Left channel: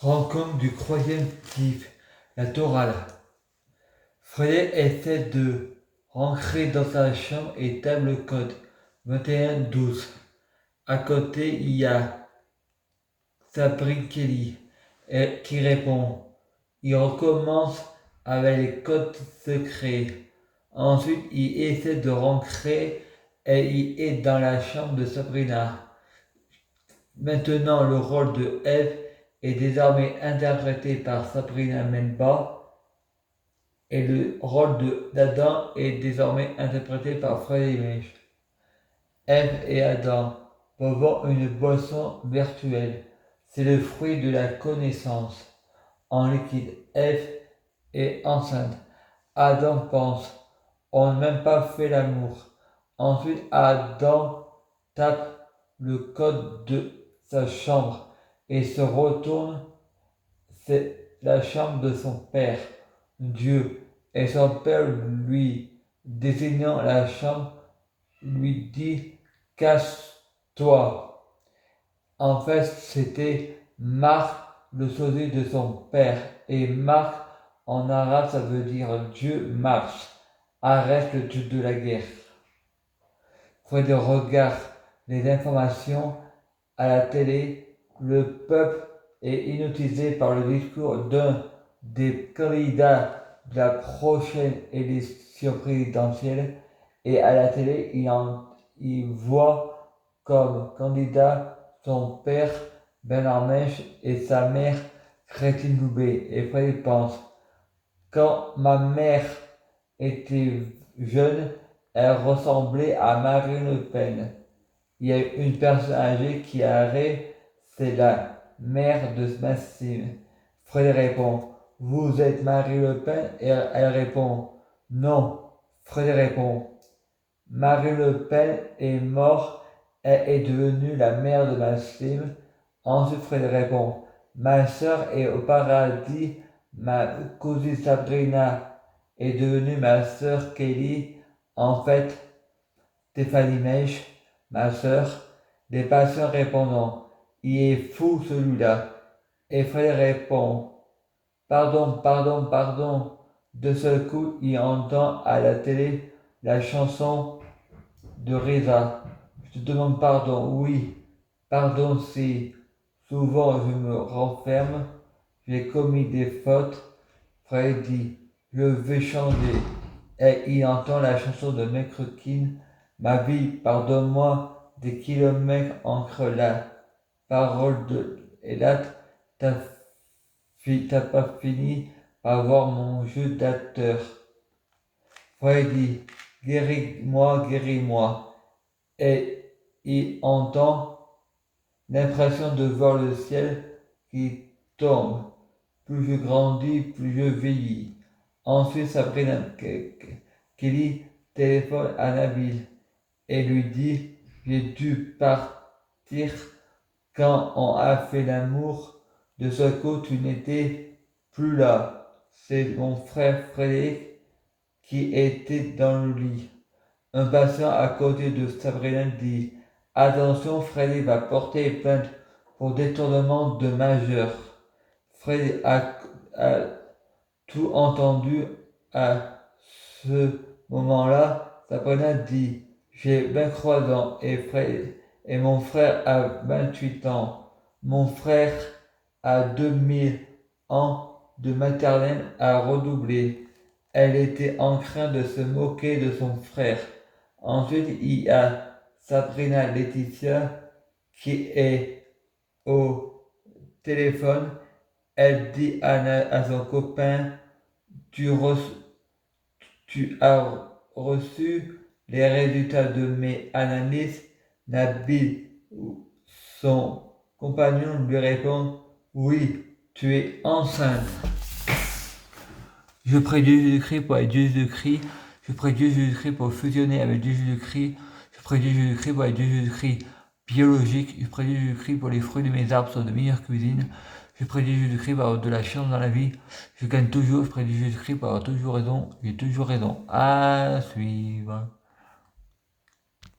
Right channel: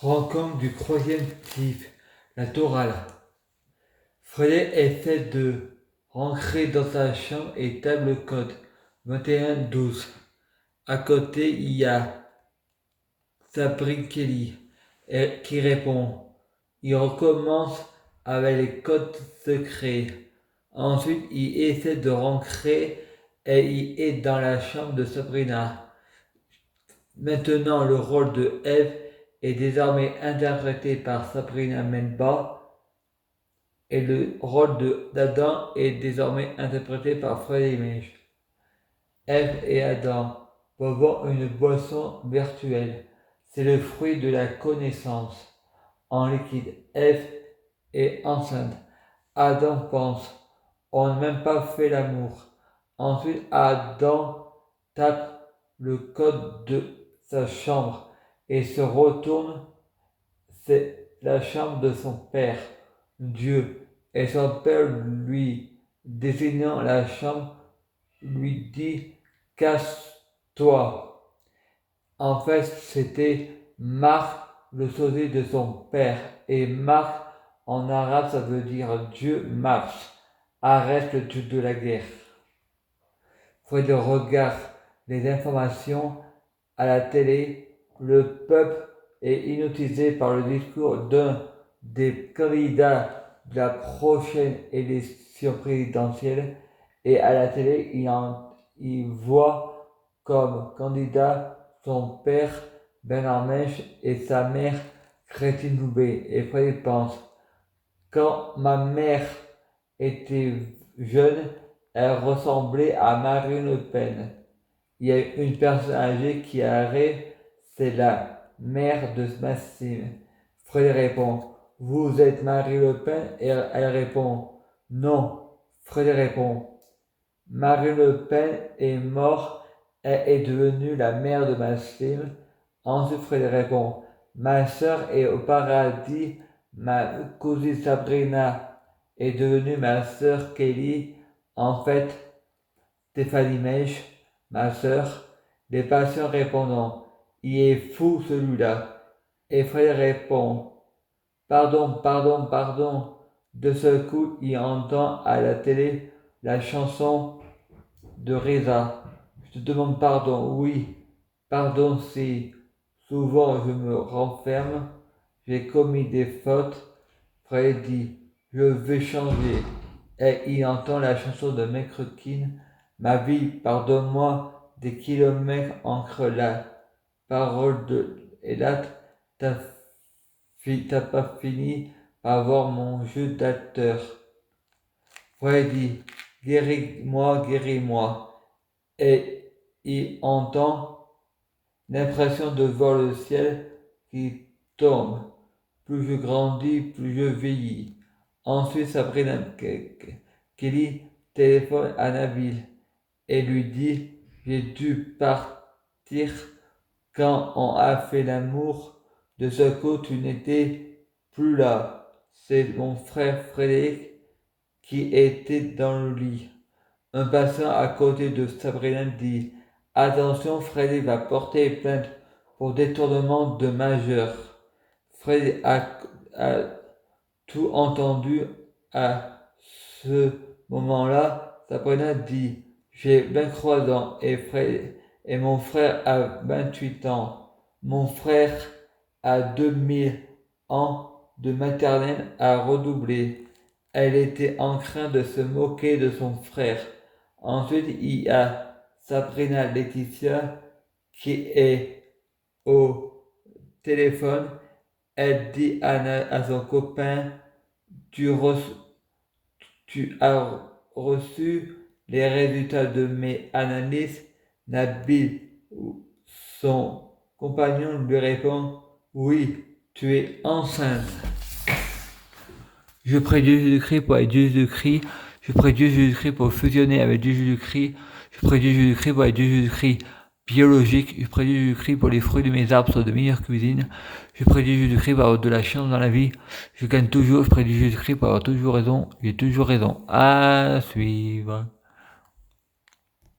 Rencontre du troisième type, la Torah. Freddy essaie de rentrer dans sa chambre et tape le code 2112. À côté, il y a Sabrina Kelly qui répond. Il recommence avec les codes secrets. Ensuite, il essaie de rentrer et il est dans la chambre de Sabrina. Maintenant, le rôle de Eve est désormais interprété par Sabrina Menba et le rôle d'Adam est désormais interprété par Freddy Mage. Eve et Adam boivent une boisson virtuelle. C'est le fruit de la connaissance. En liquide, Eve est enceinte. Adam pense, on n'a même pas fait l'amour. Ensuite, Adam tape le code de sa chambre et se retourne. C'est la chambre de son père, Dieu, et son père lui désignant la chambre lui dit casse-toi. En fait, c'était Marc, le sosie de son père, et Marc en arabe ça veut dire Dieu marche, arrête le dieu de la guerre. Fred regarde les informations à la télé, le peuple est hypnotisé par le discours d'un des candidats de la prochaine élection présidentielle et à la télé, il voit comme candidat son père Bernard Mèche et sa mère Christine Loubet. Et Fred pense, quand ma mère était jeune, elle ressemblait à Marine Le Pen. Il y a une personne âgée qui arrive, c'est la mère de Maxime. Fred répond, vous êtes Marie Le Pen? Et elle répond, non. Fred répond, Marie Le Pen est morte, elle est devenue la mère de Maxime. Ensuite, Fred répond, ma soeur est au paradis, ma cousine Sabrina est devenue ma soeur Kelly. En fait, Stéphanie Mèche, ma soeur, les patients répondant, il est fou celui-là. Et Fred répond, pardon, pardon, pardon. De ce coup, il entend à la télé la chanson de Reza. Je te demande pardon, oui, pardon si souvent je me renferme, j'ai commis des fautes. Fred dit, je vais changer. Et il entend la chanson de McCracken, ma vie, pardonne-moi des kilomètres entre la parole et là, t'as pas fini par voir mon jeu d'acteur. Fred dit, guéris-moi, guéris-moi. Et il entend l'impression de voir le ciel qui tombe. Plus je grandis, plus je vieillis. Ensuite, Sabrina Kelly téléphone à Nabil et lui dit, j'ai dû partir quand on a fait l'amour. De ce coup, tu n'étais plus là. C'est mon frère Frédéric qui était dans le lit. Un patient à côté de Sabrina dit, attention, Frédéric va porter plainte pour détournement de majeur. Fred a tout entendu à ce moment-là. Sabrina dit, j'ai 23 ans et mon frère a 28 ans. Mon frère a 2000 ans de maternelle à redoubler. Elle était en train de se moquer de son frère. Ensuite, il y a Sabrina Laetitia qui est au téléphone. Elle dit à son copain, tu as reçu les résultats de mes analyses. Nabil, son compagnon, lui répond, oui, tu es enceinte. Je prie Dieu Jésus-Christ pour être Dieu Jésus-Christ. Je prie Dieu Jésus-Christ pour fusionner avec Dieu Jésus-Christ. Je prie Dieu Jésus-Christ pour être Dieu Jésus-Christ biologique. Je prie Dieu Jésus-Christ pour les fruits de mes arbres soient de meilleure cuisine. Je prie Dieu Jésus-Christ pour avoir de la chance dans la vie. Je gagne toujours. Je prie Dieu Jésus-Christ pour avoir toujours raison. J'ai toujours raison. À suivre.